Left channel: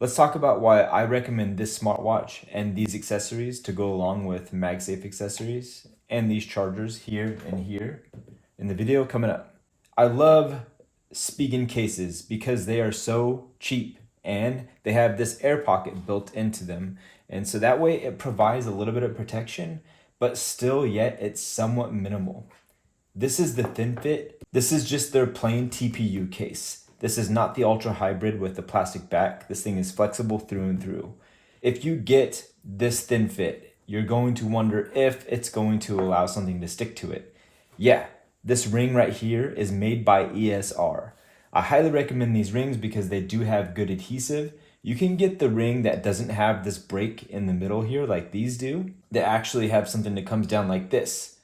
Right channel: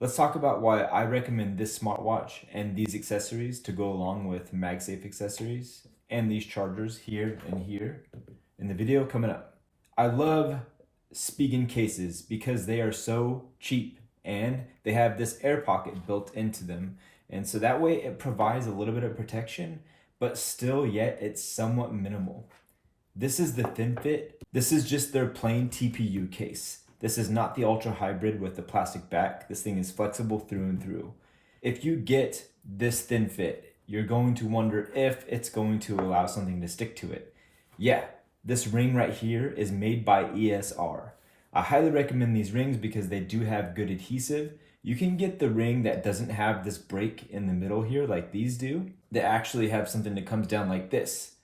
Let's talk about why I recommend this smartwatch and these accessories to go along with MagSafe accessories and these chargers here and here in the video coming up. I love Spigen cases because they are so cheap and they have this air pocket built into them. And so that way it provides a little bit of protection, but still yet it's somewhat minimal. This is the thin fit. This is just their plain TPU case. This is not the ultra hybrid with the plastic back. This thing is flexible through and through. If you get this thin fit, you're going to wonder if it's going to allow something to stick to it. Yeah, this ring right here is made by ESR. I highly recommend these rings because they do have good adhesive. You can get the ring that doesn't have this break in the middle here like these do, that actually have something that comes down like this.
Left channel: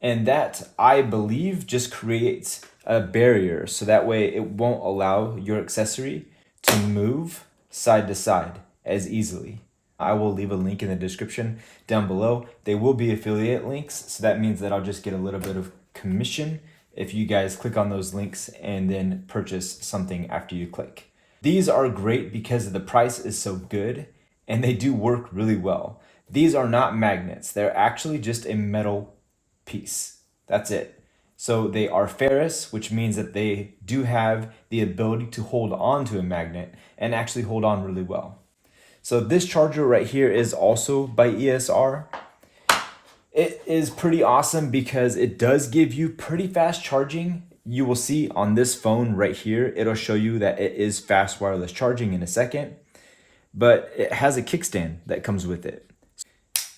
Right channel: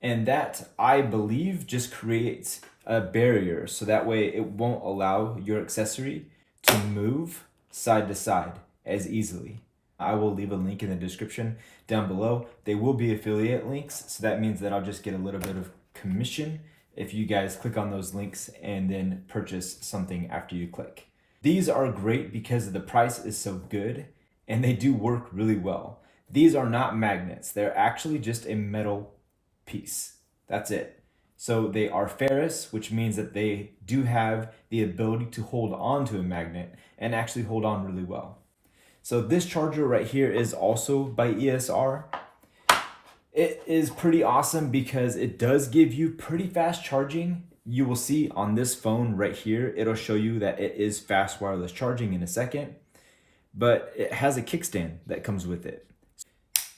And that, I believe, just creates a barrier so that way it won't allow your accessory to move side to side as easily. I will leave a link in the description down below. They will be affiliate links, so that means that I'll just get a little bit of commission if you guys click on those links and then purchase something after you click. These are great because the price is so good and they do work really well. These are not magnets. They're actually just a metal piece. That's it. So they are ferrous, which means that they do have the ability to hold on to a magnet and actually hold on really well. So this charger right here is also by ESR. It is pretty awesome because it does give you pretty fast charging. You will see on this phone right here, it'll show you that it is fast wireless charging in a second, but it has a kickstand that comes with it.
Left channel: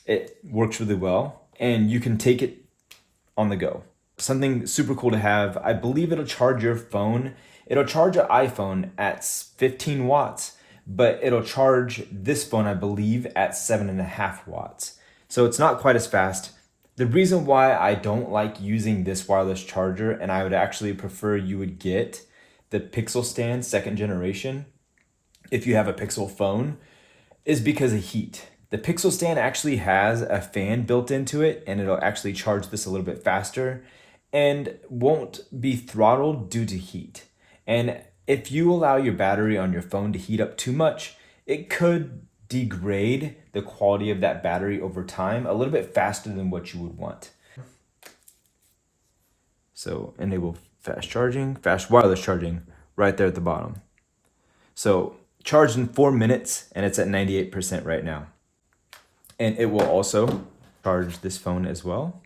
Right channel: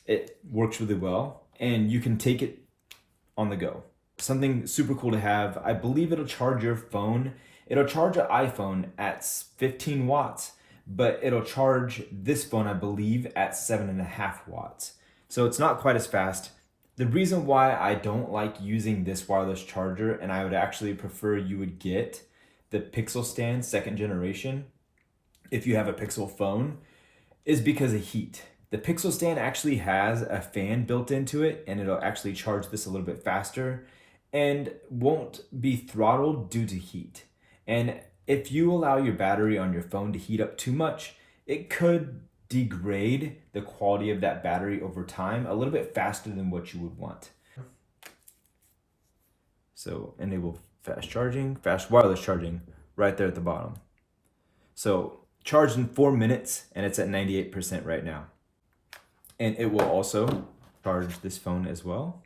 It works really well and you can take it on the go. Something super cool to have. I believe it'll charge your phone. It'll charge an iPhone at 15 watts, but it'll charge this phone, I believe, at 7.5 watts. So it's not quite as fast. The reason why I don't like using this wireless charger, and I would actually prefer you would get the Pixel Stand 2nd generation if you have a Pixel phone, is because of heat. The Pixel Stand actually has a fan built into it and it'll actually charge this a little bit faster and won't be throttled due to heat. And if you allow your battery on your phone to heat up too much, it could degrade the quality of that battery over time a little bit faster than what you would want. So enable fast charging, fast wireless charging right there at the bottom. So charged in 4 minutes and it's at 98% right now. And it will also charge this phone as well.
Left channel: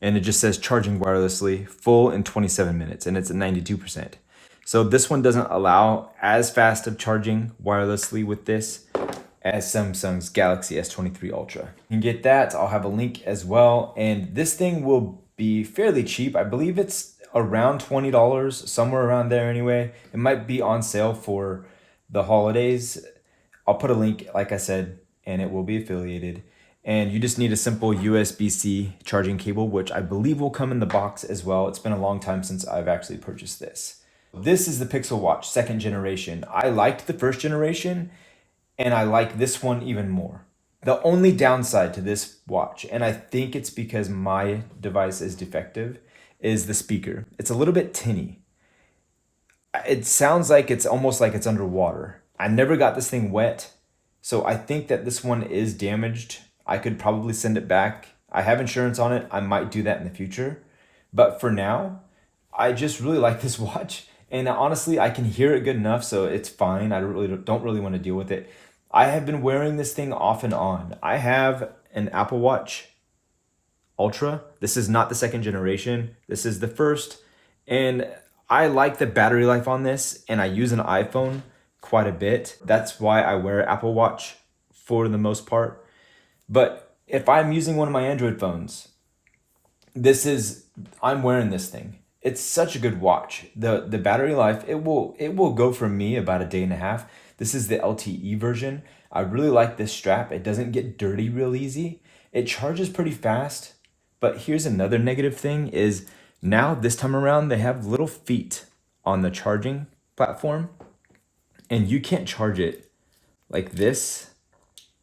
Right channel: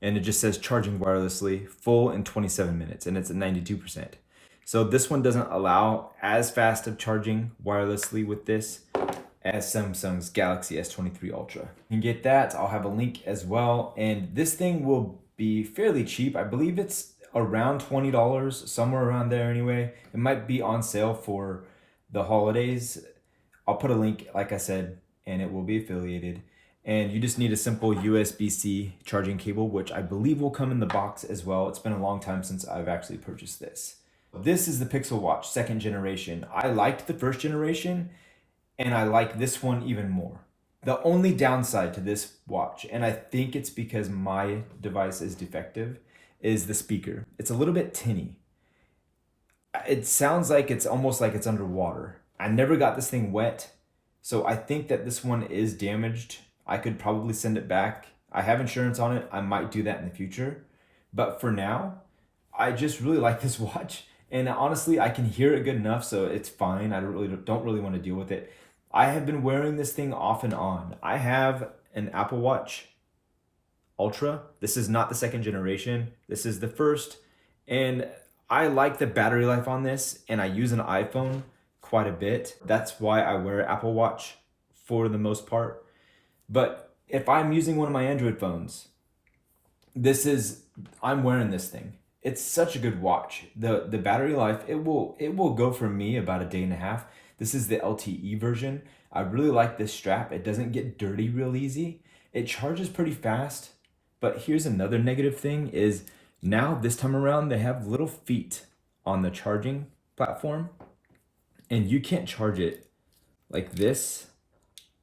And it just says charging wirelessly full in 27 minutes and it's at 92%. So this one doesn't allow as fast of charging wirelessly with this as Samsung's Galaxy S23 Ultra. You can get that. I'll have a link as well. And this thing will be fairly cheap. I believe it's around $20, somewhere around there anyway. It might be on sale for the holidays. I'll put a link, like I said, and it will be affiliated. And you just need a simple USB-C charging cable, which I believe will come in the box as well. It's been a long time since I've actually purchased this. This is the Pixel Watch 2nd generation. I liked the 1st generation and I like this one even more. The only downside to this watch, and I think it's because my device is defective, is the speaker. It's a little bit tinny. It sounds like it's almost like it's underwater. I never got this thing wet. So I think that this one is damaged. I could probably send it back. I have insurance on it. I might do that in the future. But for now, I just really like this watch. And honestly, I can hear it good enough, so it's fine. I don't really want to deal with it. I have been wearing this thing off and on. I have an Apple Watch Ultra. This is not the 2nd generation. This is the 1st. And I like the battery life on this, and I use an iPhone quite a bit. That's why I wear Apple Watch for the most part. But if I'm using one of my Android phones, I'm wearing this thing. It's such a good watch. The battery life, it will go for me about a day and a half. This is the LTE version. I really like this strap. It doesn't get dirty real easy. It charges pretty fast. But here's another negative thing is now this time around they have little feet on the charging platform. And you can't charge it like this.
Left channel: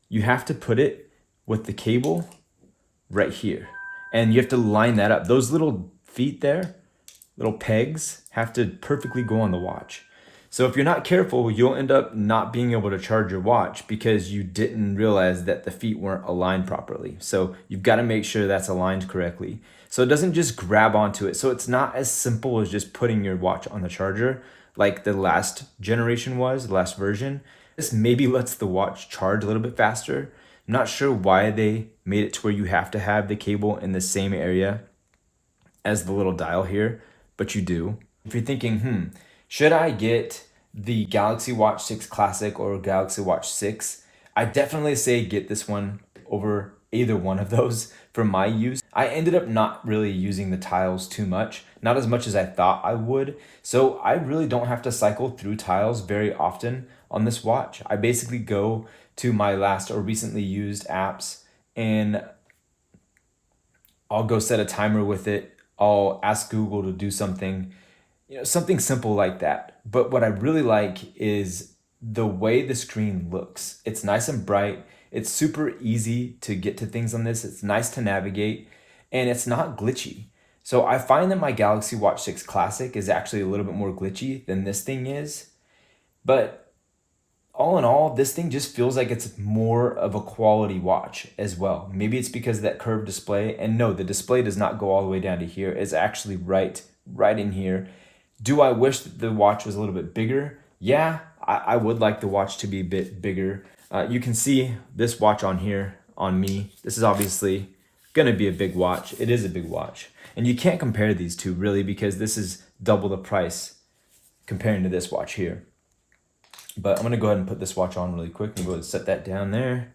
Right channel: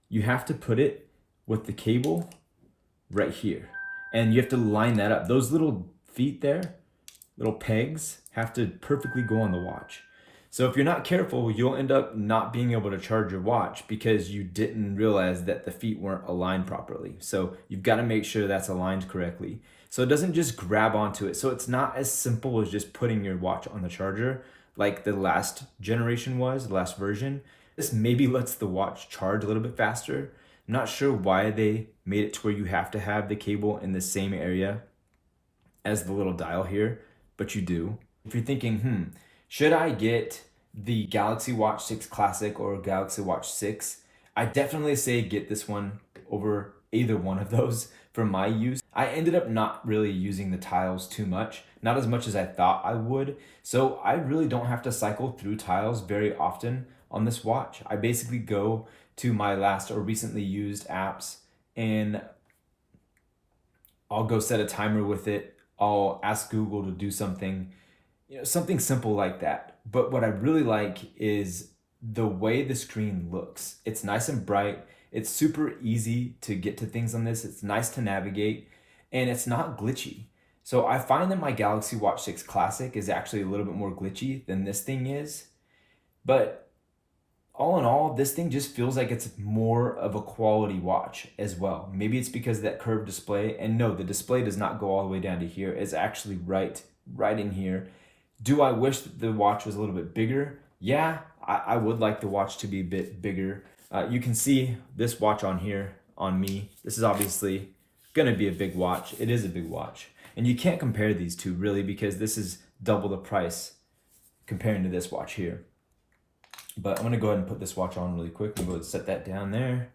You have to put it with the cable right here. And you have to line that up. Those little feet there, little pegs, have to perfectly go on the watch. So if you're not careful, you'll end up not being able to charge your watch because you didn't realize that the feet weren't aligned properly. So you've got to make sure that's aligned correctly. So it doesn't just grab onto it. So it's not as simple as just putting your watch on the charger like the last generation was, the last version. This maybe lets the watch charge a little bit faster. I'm not sure why they made it to where you have to have the cable in the same area as the little dial here, but you do. If you're thinking, should I get the Galaxy Watch 6 Classic or Galaxy Watch 6? I definitely say get this one over either one of those for my use. I ended up not really using the tiles too much, not as much as I thought I would. So I really don't have to cycle through tiles very often on this watch. I basically go to my last or recently used apps and I'll go set a timer with it. I'll ask Google to do something, something simple like that. But what I really like is the way the screen looks. It's nice and bright. It's super easy to get to things on this. It's nice to navigate and it's not glitchy. So I find that my Galaxy Watch 6 Classic is actually a little bit more glitchy than this thing is. But all in all, this thing just feels like it's more of a quality watch as well. Maybe it's because of that curved display. And no, the display does not go all the way down to here. It's actually right in here. Do I wish that the watch was a little bit bigger? Yeah, I would like the watch to be a bit bigger. You can see this watch on here on me. This is obviously gonna be a big watch. It is a big watch. And you can't compare these two really because this is double the price comparing to this watch here. But I'm gonna go ahead and put this watch on really quick. We'll go ahead and set that down there.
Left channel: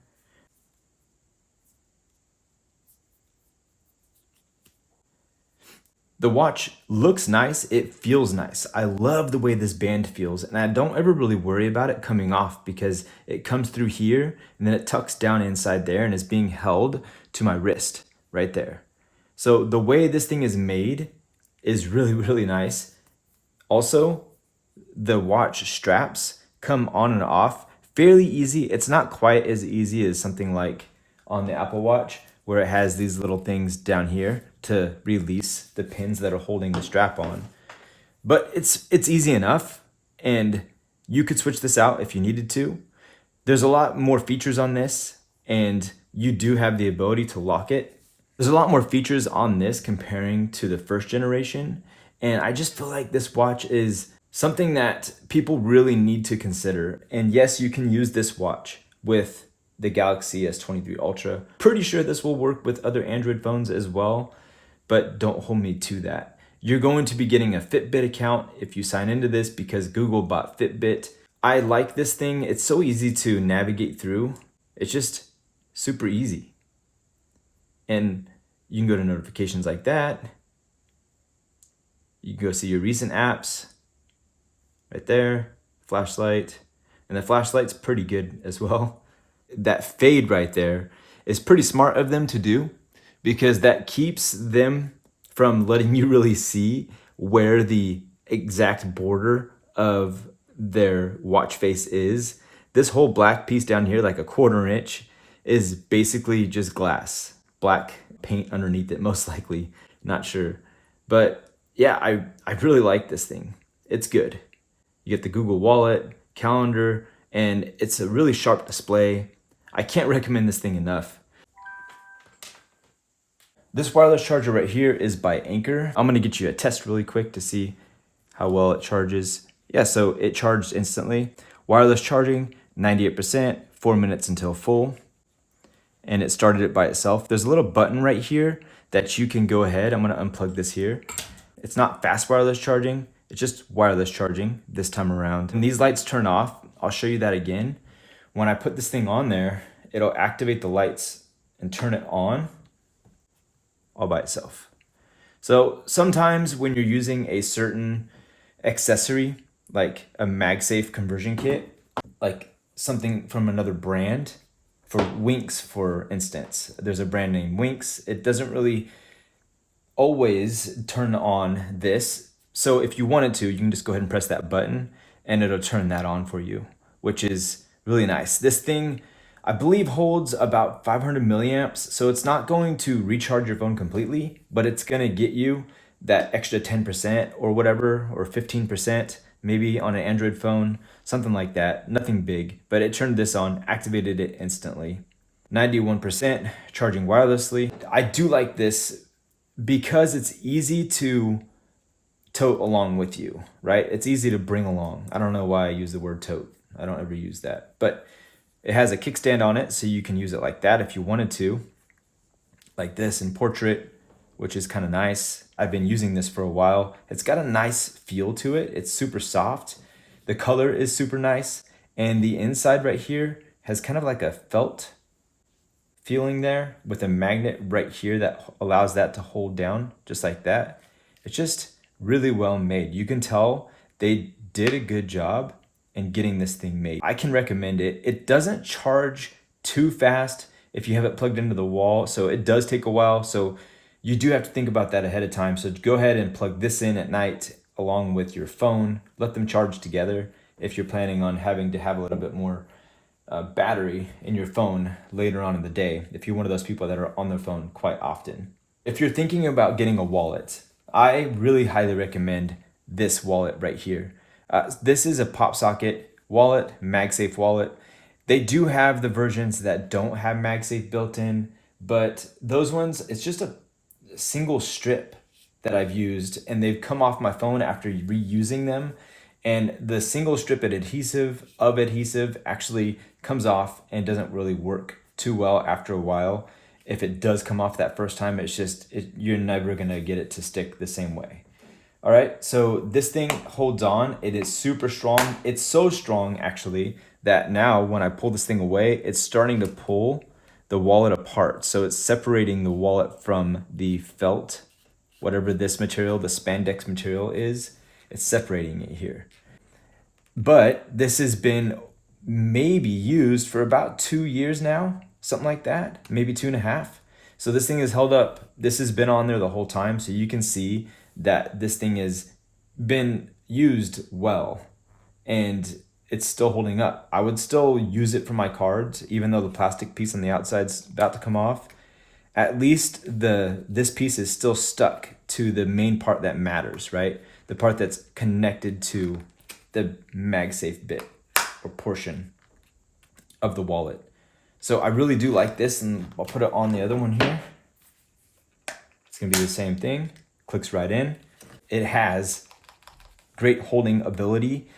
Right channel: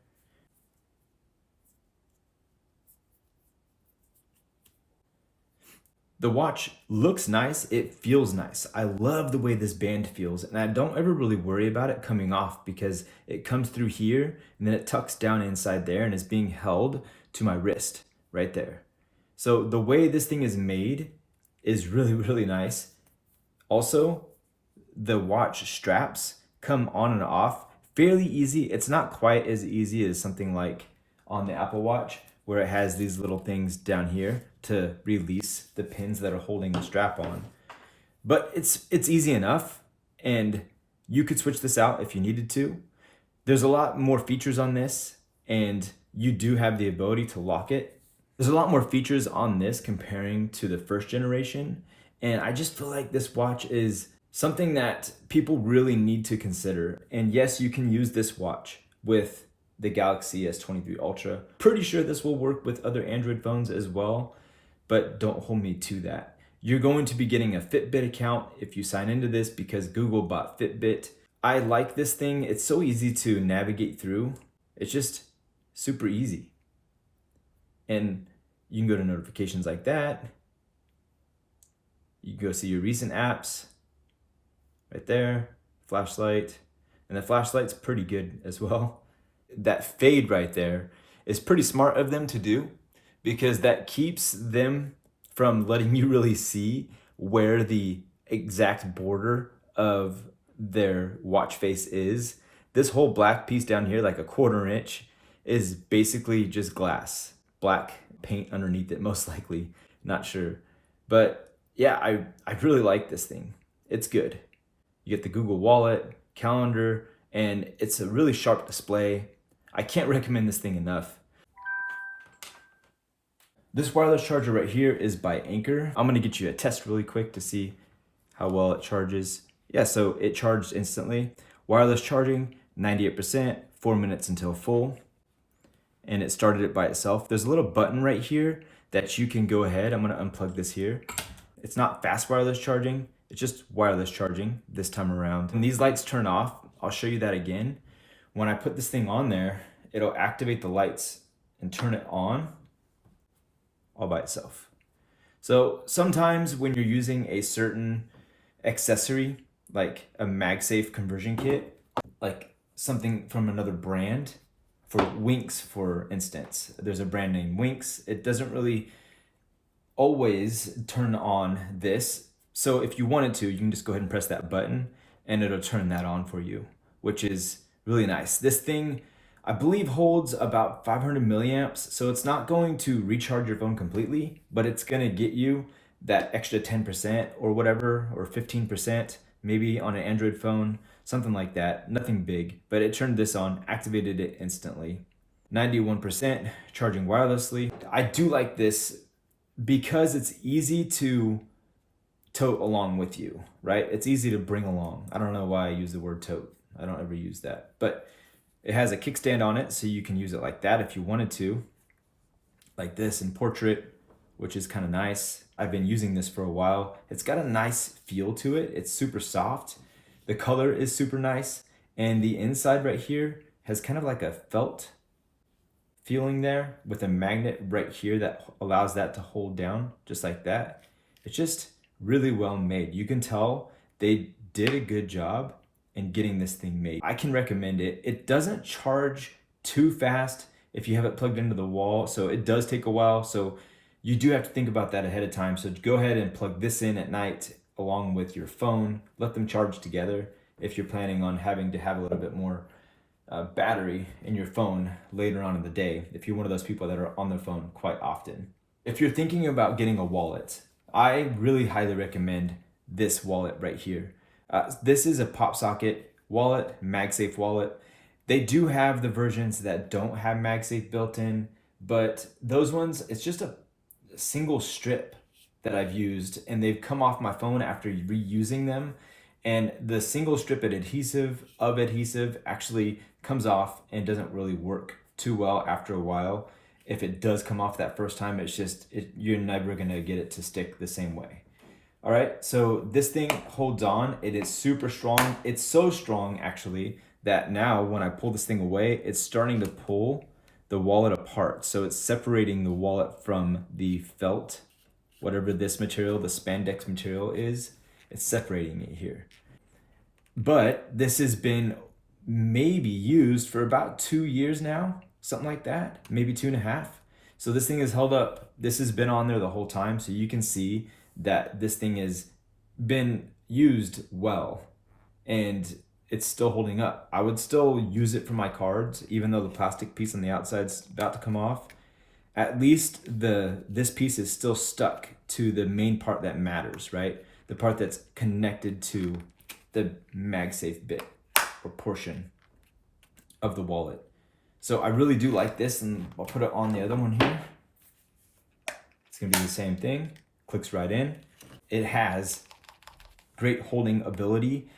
The watch looks nice, it feels nice. I love the way this band feels, and I don't ever really worry about it coming off because it comes through here and then it tucks down inside there and is being held to my wrist right there. So the way this thing is made is really, really nice. Also, the watch straps come on and off fairly easy. It's not quite as easy as something like on the Apple Watch where it has these little things down here to release the pins that are holding the strap on. But it's easy enough, and you could switch this out if you needed to. There's a lot more features on this, and you do have the ability to lock it. There's a lot more features on this comparing to the first generation, and I just feel like this watch is something that people really need to consider. And yes, you can use this watch with the Galaxy S23 Ultra. Pretty sure this will work with other Android phones as well, but don't hold me to that. You're going to be getting a Fitbit account if you sign into this because Google bought Fitbit. I like this thing. It's so easy to navigate through. It's just super easy. And you can go to notifications like that. You can go see your recent apps right there, flashlight. And the flashlight's pretty good as well. That fade right there is pretty smart of them to do because that keeps them from letting you really see where the exact border of their watch face is. This whole black piece down here, like a 1/4 inch, is basically just glass. Black paint underneath it, most likely. Not sure. But yeah, I really like this thing. It's good. You get the Google Wallet, calendar, and it's a really sharp display. I can't recommend this thing enough. This wireless charger right here is by Anker. I'm gonna get you a test really quick to see how well it charges. Yeah, so it charged instantly. Wireless charging, 98%, 4 minutes until full. And it started it by itself. There's a little button right here that you can go ahead. I'm gonna unplug this here. It's not fast wireless charging, it's just wireless charging this time around. When these lights turn off, I'll show you that again. When I put this thing on there, it'll activate the lights and turn it on all by itself. So sometimes when you're using a certain accessory, like a MagSafe conversion kit, like something from another brand, for Winx, for instance, there's a brand named Winx. It doesn't really always turn on this. So if you wanted to, you can just go ahead and press that button and it'll turn that on for you, which is really nice. This thing, I believe, holds about 500 milliamps. So it's not going to recharge your phone completely, but it's gonna get you that extra 10% or whatever, or 15% maybe on an Android phone, something like that. Nothing big, but it turned this on, activated it instantly. 91% charging wirelessly. I do like this because it's easy to tote along with you, right? It's easy to bring along. I don't know why I use the word tote. I don't ever use that, but it has a kickstand on it, so you can use it like that if you wanted to, like this in portrait, which is kind of nice. I've been using this for a while. It's got a nice feel to it. It's super soft. The color is super nice. And the inside right here has kind of like a felt feeling there with a magnet right here that allows that to hold down just like that. It's just really well made. You can tell they did a good job in getting this thing made. I can recommend it. It doesn't charge too fast if you have it plugged into the wall, so it does take a while. So you do have to think about that ahead of time. So go ahead and plug this in at night along with your phone. Let them charge together if you're planning on having to have a little bit more battery in your phone later on in the day, if you're one of those people that are on their phone quite often. If you're thinking about getting a wallet, I really highly recommend this wallet right here. This is a pop socket wallet, MagSafe wallet. They do have the versions that don't have MagSafe built in, but those ones, it's just a single strip that I've used, and they've come off my phone after reusing them. And the single strip of adhesive actually comes off and doesn't really work too well after a while. If it does come off that first time, you're never gonna get it to stick the same way. All right, so this thing holds on. It is super strong. It's so strong actually that now when I pull this thing away, it's starting to pull the wallet apart. So it's separating the wallet from the felt, whatever this material, the spandex material is, it's separating it here. But this has been maybe used for about 2 years now, something like that, maybe 2.5. So this thing is held up. This has been on there the whole time. So you can see that this thing has been used well and it's still holding up. I would still use it for my cards, even though the plastic piece on the outside's about to come off. At least this piece is still stuck to the main part that matters, right? The part that's connected to the MagSafe bit or portion of the wallet. So I really do like this, and I'll put it on the other one here. It's gonna be the same thing, clicks right in. It has great holding ability.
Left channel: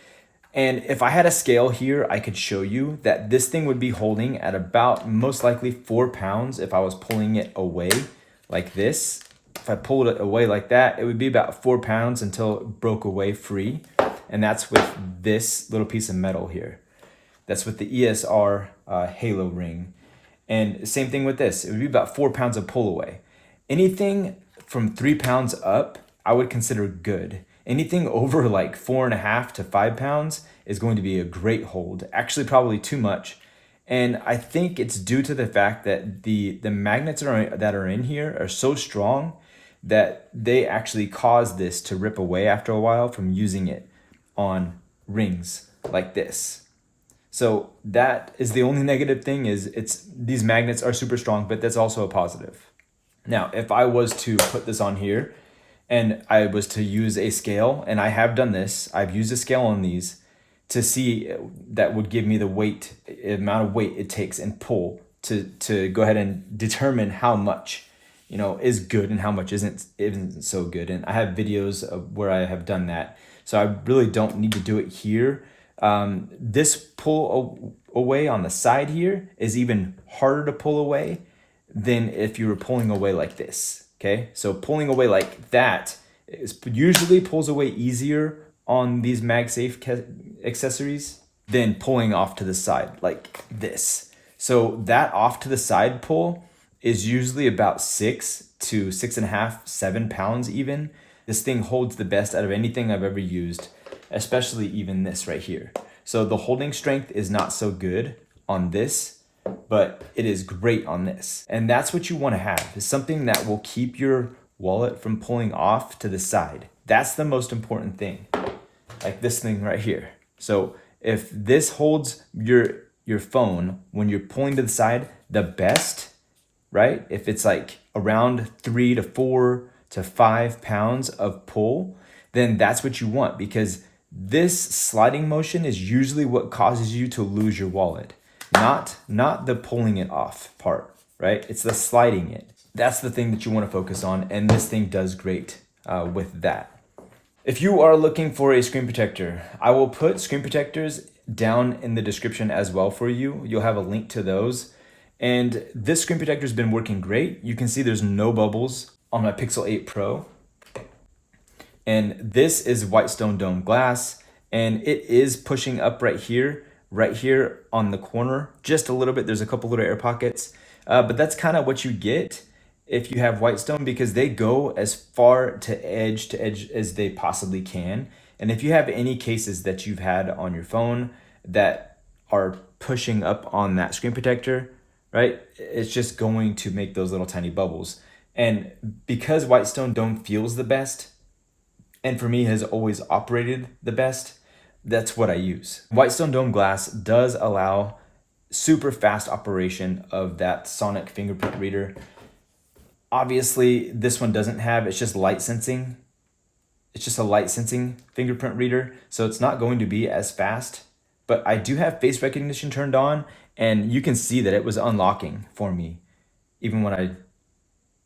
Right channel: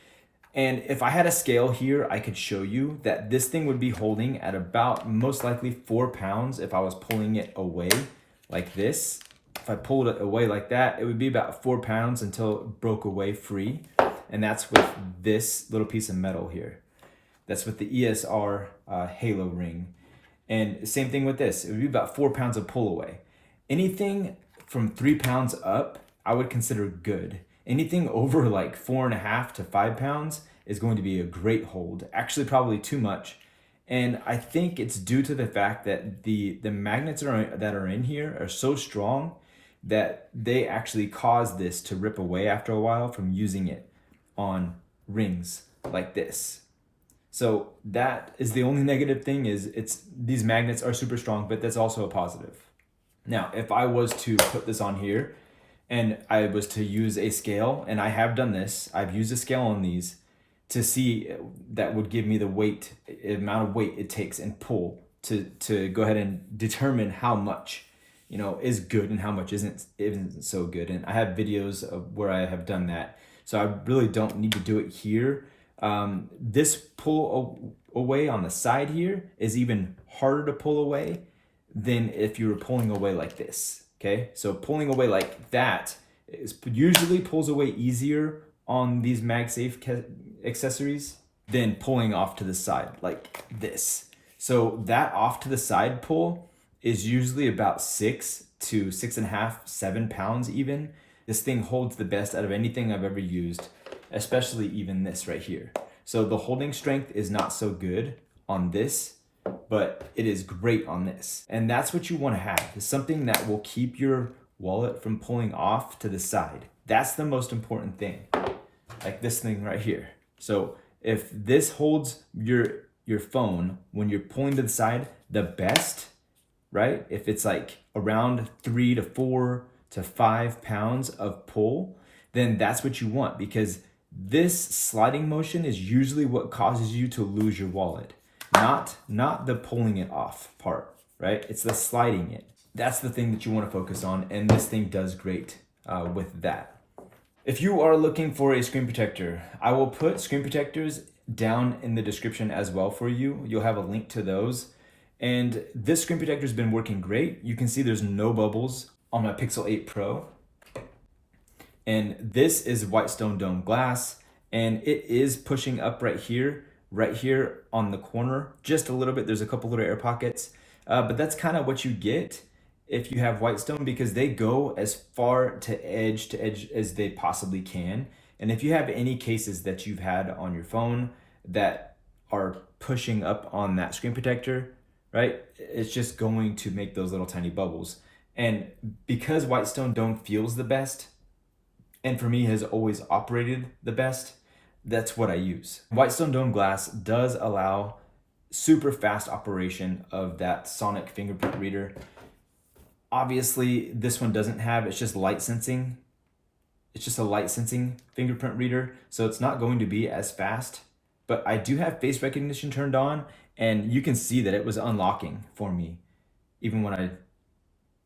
And if I had a scale here, I could show you that this thing would be holding at about most likely 4 pounds if I was pulling it away like this. If I pulled it away like that, it would be about 4 pounds until it broke away free. And that's with this little piece of metal here. That's with the ESR Halo ring. And same thing with this, it would be about 4 pounds of pull away. Anything from 3 pounds up, I would consider good. Anything over like 4.5 to 5 pounds is going to be a great hold, actually probably too much. And I think it's due to the fact that the magnets that are in here are so strong that they actually cause this to rip away after a while from using it on rings like this. So that is the only negative thing, is these magnets are super strong, but that's also a positive. Now, if I was to put this on here and I was to use a scale, and I have done this, I've used a scale on these to see that would give me the weight, amount of weight it takes and pull to go ahead and determine how much, is good and how much isn't so good. And I have videos of where I have done that. So I really don't need to do it here. This pull away on the side here is even harder to pull away than if you were pulling away like this. Okay, so pulling away like that usually pulls away easier on these MagSafe accessories than pulling off to the side like this. So that off to the side pull is usually about 6 to 6.5, 7 pounds even. This thing holds the best out of anything I've ever used, especially even this right here. So the holding strength is not so good on this, but it is great on this. And that's what you want to have, is something that will keep your wallet from pulling off to the side. That's the most important thing, like this thing right here. So if this holds your phone when you're pulling to the side the best, right? If it's like around 3 to 4 to 5 pounds of pull, then that's what you want, because This sliding motion is usually what causes you to lose your wallet, not the pulling it off part, right? It's the sliding it. That's the thing that you want to focus on, and this thing does great with that. If you are looking for a screen protector, I will put screen protectors down in the description as well for you. You'll have a link to those. And this screen protector has been working great. You can see there's no bubbles on my Pixel 8 Pro. And this is white stone dome glass, and it is pushing up right here on the corner, just a little bit. There's a couple little air pockets, but that's kind of what you get if you have white stone, because they go as far to edge as they possibly can. And if you have any cases that you've had on your phone that are pushing up on that screen protector, right, it's just going to make those little tiny bubbles. And because white stone dome feels the best, and for me has always operated the best, that's what I use. White stone dome glass does allow super fast operation of that sonic fingerprint reader. Obviously, this one doesn't have, it's just light sensing. It's just a light sensing fingerprint reader, so it's not going to be as fast. But I do have face recognition turned on, and you can see that it was unlocking for me, even when I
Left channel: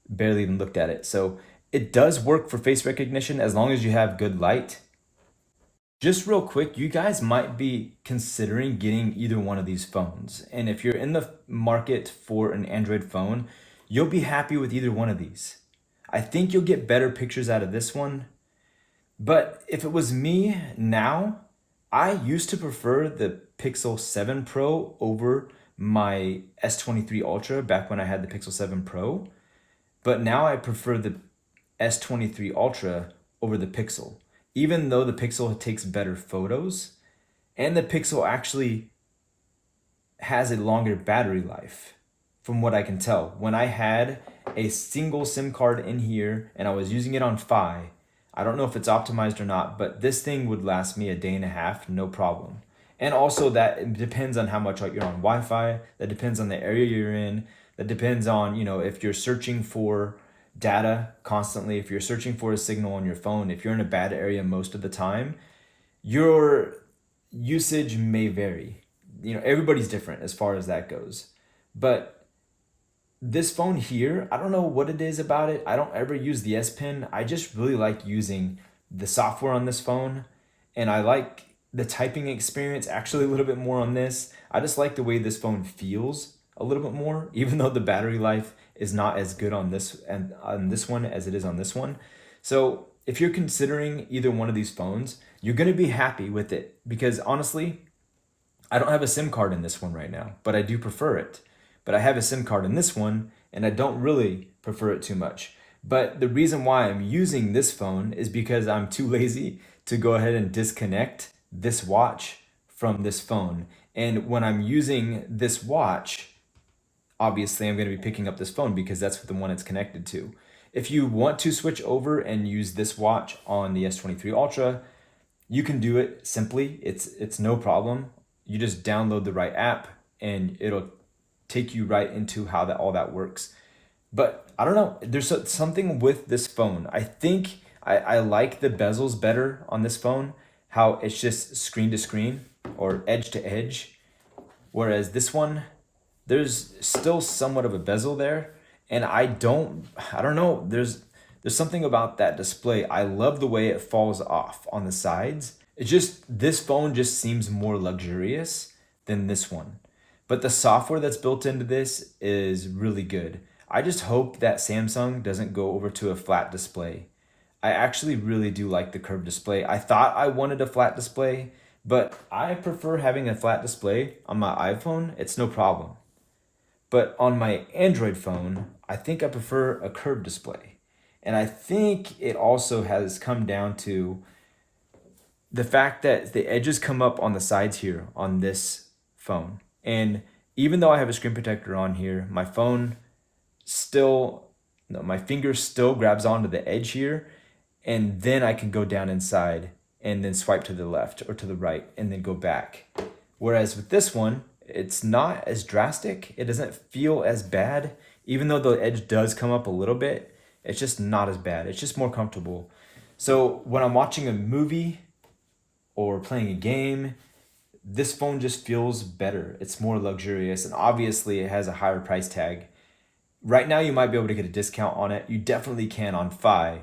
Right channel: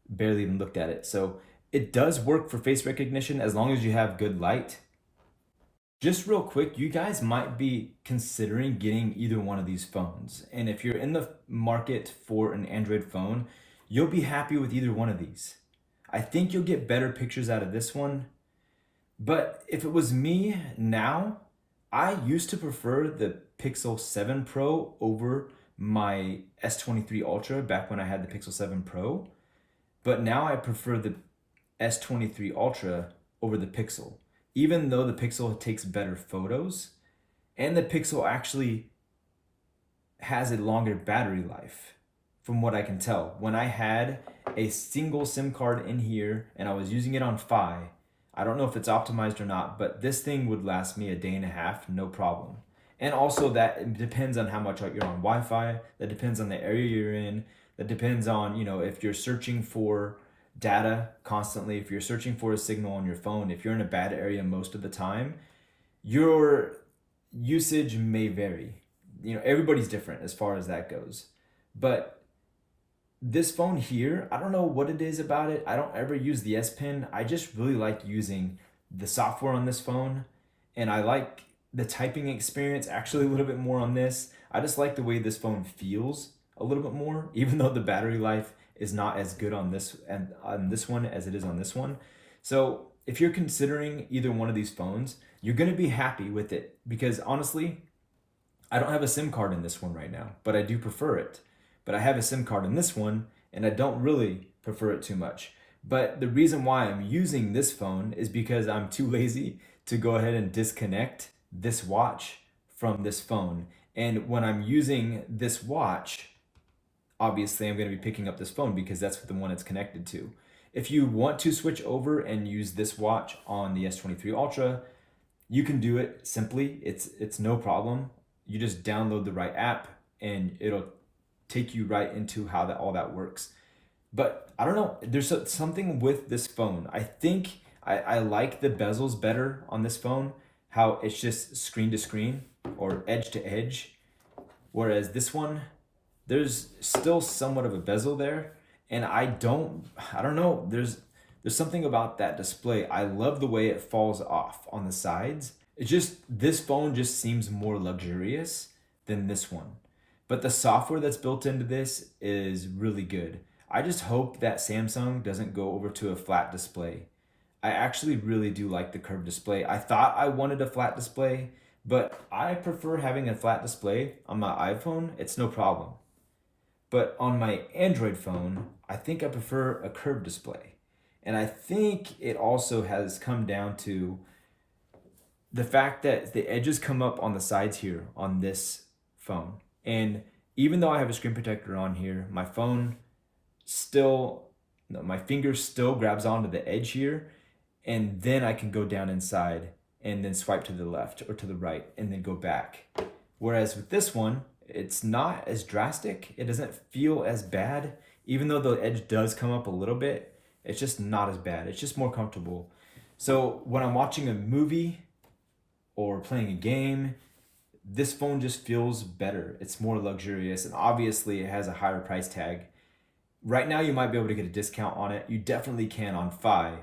barely even looked at it. So it does work for face recognition as long as you have good light. Just real quick, you guys might be considering getting either one of these phones. And if you're in the market for an Android phone, you'll be happy with either one of these. I think you'll get better pictures out of this one. But if it was me now, I used to prefer the Pixel 7 Pro over my S23 Ultra back when I had the Pixel 7 Pro. But now I prefer the S23 Ultra over the Pixel, even though the Pixel takes better photos and the Pixel actually has a longer battery life from what I can tell. When I had a single SIM card in here and I was using it on Fi, I don't know if it's optimized or not, but this thing would last me a day and a half, no problem. And also that depends on how much you're on Wi-Fi, that depends on the area you're in, that depends on, if you're searching for data constantly, if you're searching for a signal on your phone, if you're in a bad area most of the time, your usage may vary. Everybody's different as far as that goes. But this phone here, I don't know what it is about it. I don't ever use the S Pen. I just really like using the software on this phone, and I like the typing experience actually a little bit more on this. I just like the way this phone feels a little bit more, even though the battery life is not as good on this and on this one as it is on this one. So if you're considering either one of these phones, you're going to be happy with it, because honestly, I don't have a SIM card in this one right now, but I do prefer it. But I have a SIM card in this one, and I don't really prefer it too much. But the reason why I'm using this phone is because I'm too lazy to go ahead and disconnect this watch from this phone. And when I'm using this watch, obviously I'm going to be picking up this phone because that's the one it's connected to. If you want to switch over and use this watch on the S23 Ultra, you can do it simply. It's no problem. You just download the right app and it'll take you right into how all that works. But I don't know, there's something with this phone. I think I like the bezels better on this phone, how it's just screen to screen or edge to edge. Whereas this one, there's still somewhat of a bezel there. And I don't know, there's something about that display. I love the way it falls off on the sides. It's just, this phone just seems more luxurious than this one. But the software that's built into this is really good. I just hope that Samsung doesn't go over to a flat display. I actually really do like the curved display. I thought I wanted a flat display, but I prefer having a flat display on my iPhone. It's no problem. But on my Android phone, I think I prefer a curved display. And I think it also has come down to the fact that the edges come up on the sides here on this phone. And even though I have a screen protector on here, my finger still grabs onto the edge here, and then I can go down inside and then swipe to the left or to the right and then go back. Whereas with this one, it's not as drastic. It doesn't feel as bad. Even though the edge does come up a little bit, it's just not as bad. It's just more comfortable. So when I'm watching a movie, or playing a game, this phone just feels better. It's more luxurious, and obviously it has a higher price tag. Right now you might be able to get a discount on it. You definitely can on Fi.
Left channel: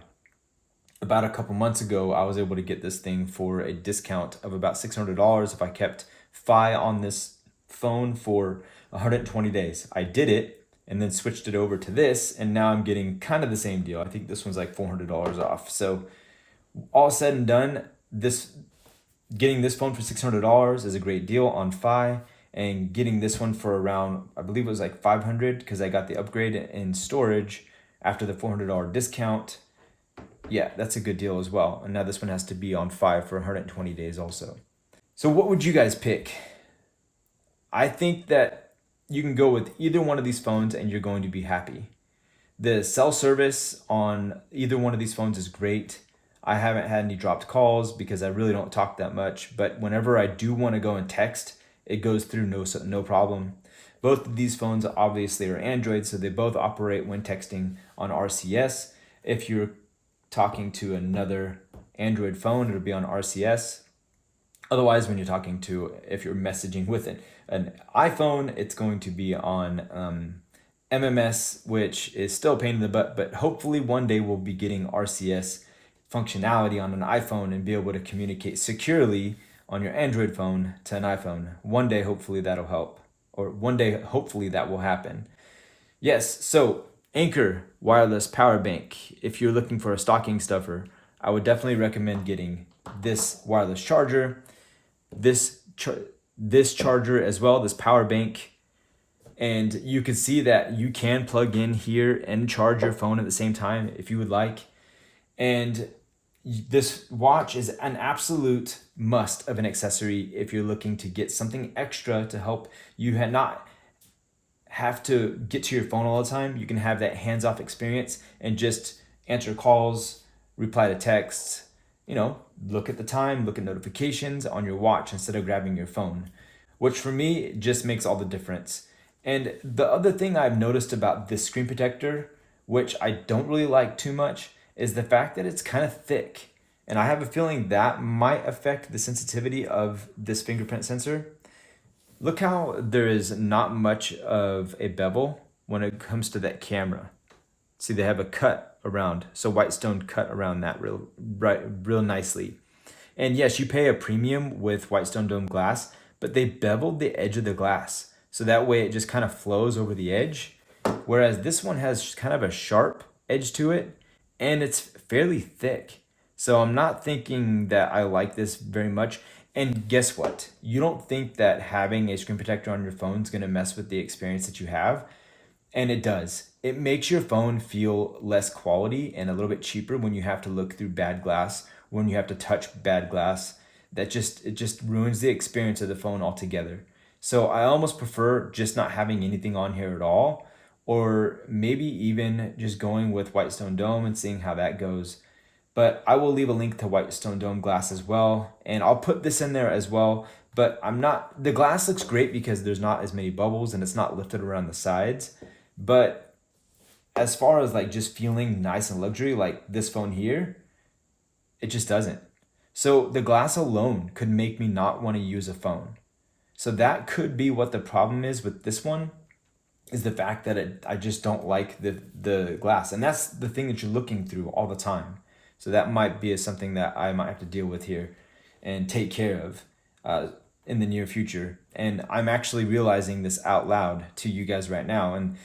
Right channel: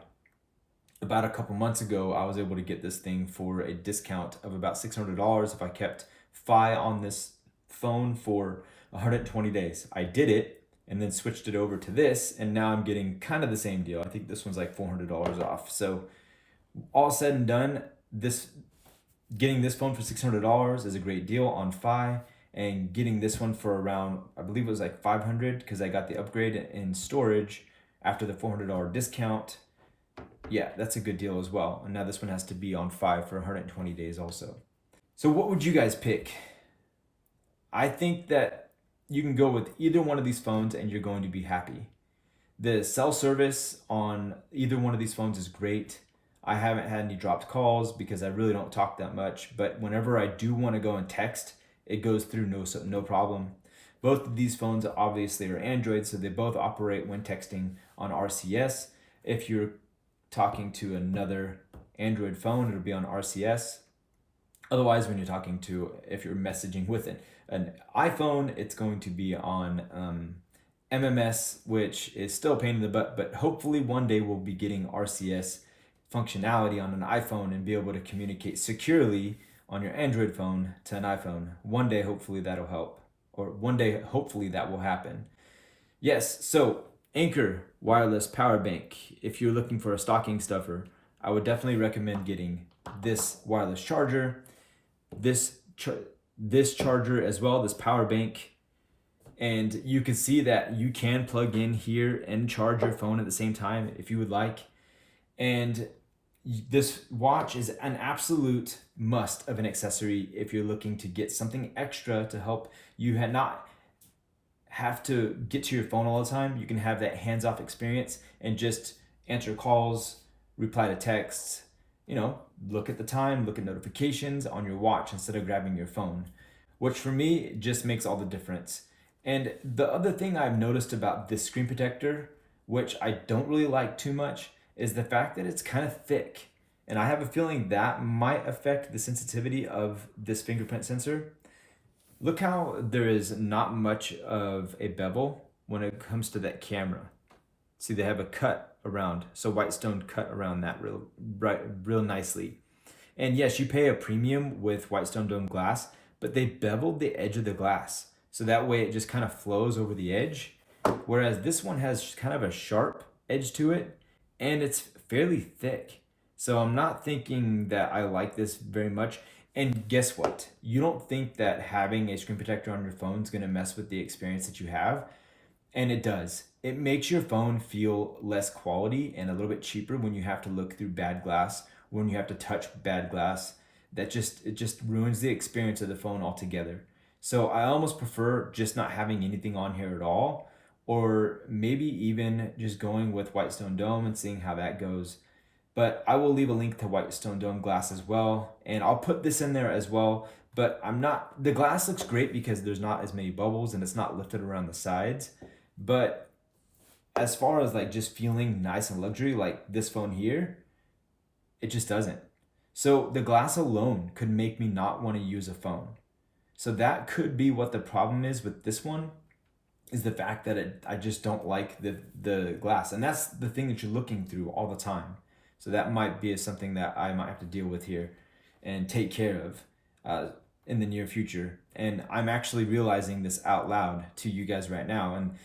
About a couple months ago, I was able to get this thing for a discount of about $600 if I kept Fi on this phone for 120 days. I did it and then switched it over to this, and now I'm getting kind of the same deal. I think this one's like $400 off. So all said and done, getting this phone for $600 is a great deal on Fi, and getting this one for around, I believe it was like $500 because I got the upgrade in storage after the $400 discount. Yeah, that's a good deal as well. And now this one has to be on Fi for 120 days also. So what would you guys pick? I think that you can go with either one of these phones and you're going to be happy. The cell service on either one of these phones is great. I haven't had any dropped calls because I really don't talk that much, but whenever I do want to go and text, it goes through no problem. Both of these phones obviously are Android, so they both operate when texting on RCS. If you're talking to another Android phone, it'll be on RCS. Otherwise, if you're messaging with an iPhone, it's going to be on MMS, which is still a pain in the butt, but hopefully one day we'll be getting RCS functionality on an iPhone and be able to communicate securely on your Android phone to an iPhone. One day, hopefully that'll help, or one day, hopefully that will happen. Yes, so Anchor wireless power bank. If you're looking for a stocking stuffer, I would definitely recommend getting this wireless charger, this charger as well, this power bank. And you can see that you can plug in here and charge your phone at the same time if you would like. And this watch is an absolute must of an accessory if you're looking to get something extra to help you not have to get to your phone all the time. You can have that hands-off experience and just answer calls, reply to texts, look at the time, look at notifications on your watch instead of grabbing your phone, which for me just makes all the difference. And the other thing I've noticed about this screen protector, which I don't really like too much, is the fact that it's kind of thick. And I have a feeling that might affect the sensitivity of this fingerprint sensor. Look how there is not much of a bevel when it comes to that camera. See, they have a cut around, so Whitestone cut around that real nicely. And yes, you pay a premium with Whitestone dome glass, but they beveled the edge of the glass. So that way it just kind of flows over the edge. Whereas this one has kind of a sharp edge to it, and it's fairly thick. So I'm not thinking that I like this very much. And guess what? You don't think that having a screen protector on your phone is going to mess with the experience that you have. And it does. It makes your phone feel less quality and a little bit cheaper when you have to look through bad glass, when you have to touch bad glass. It just ruins the experience of the phone altogether. So I almost prefer just not having anything on here at all, or maybe even just going with Whitestone Dome and seeing how that goes. But I will leave a link to Whitestone Dome glass as well, and I'll put this in there as well. But the glass looks great because there's not as many bubbles and it's not lifted around the sides. But as far as like just feeling nice and luxury, like this phone here, it just doesn't. So the glass alone could make me not want to use a phone. So that could be what the problem is with this one, is the fact that I just don't like the glass. And that's the thing that you're looking through all the time. So that might be something that I might have to deal with here and take care of in the near future. And I'm actually realizing this out loud to you guys right now. And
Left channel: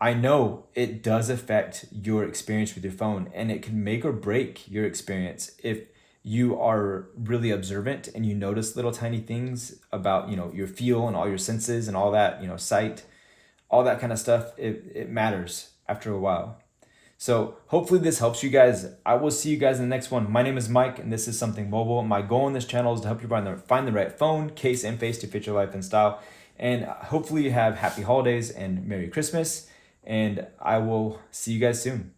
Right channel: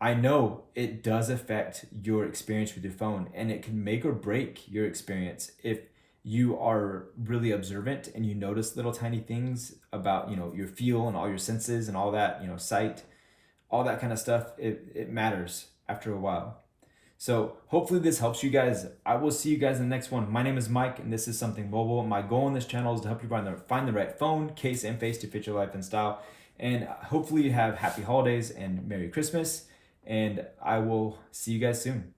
I know it does affect your experience with your phone, and it can make or break your experience if you are really observant and you notice little tiny things about, your feel and all your senses and all that, sight, all that kind of stuff. It matters after a while. So hopefully this helps you guys. I will see you guys in the next one. My name is Mike, and this is Something Mobile. My goal on this channel is to help you find the right phone, case, and face to fit your life and style. And hopefully you have happy holidays and Merry Christmas. And I will see you guys soon.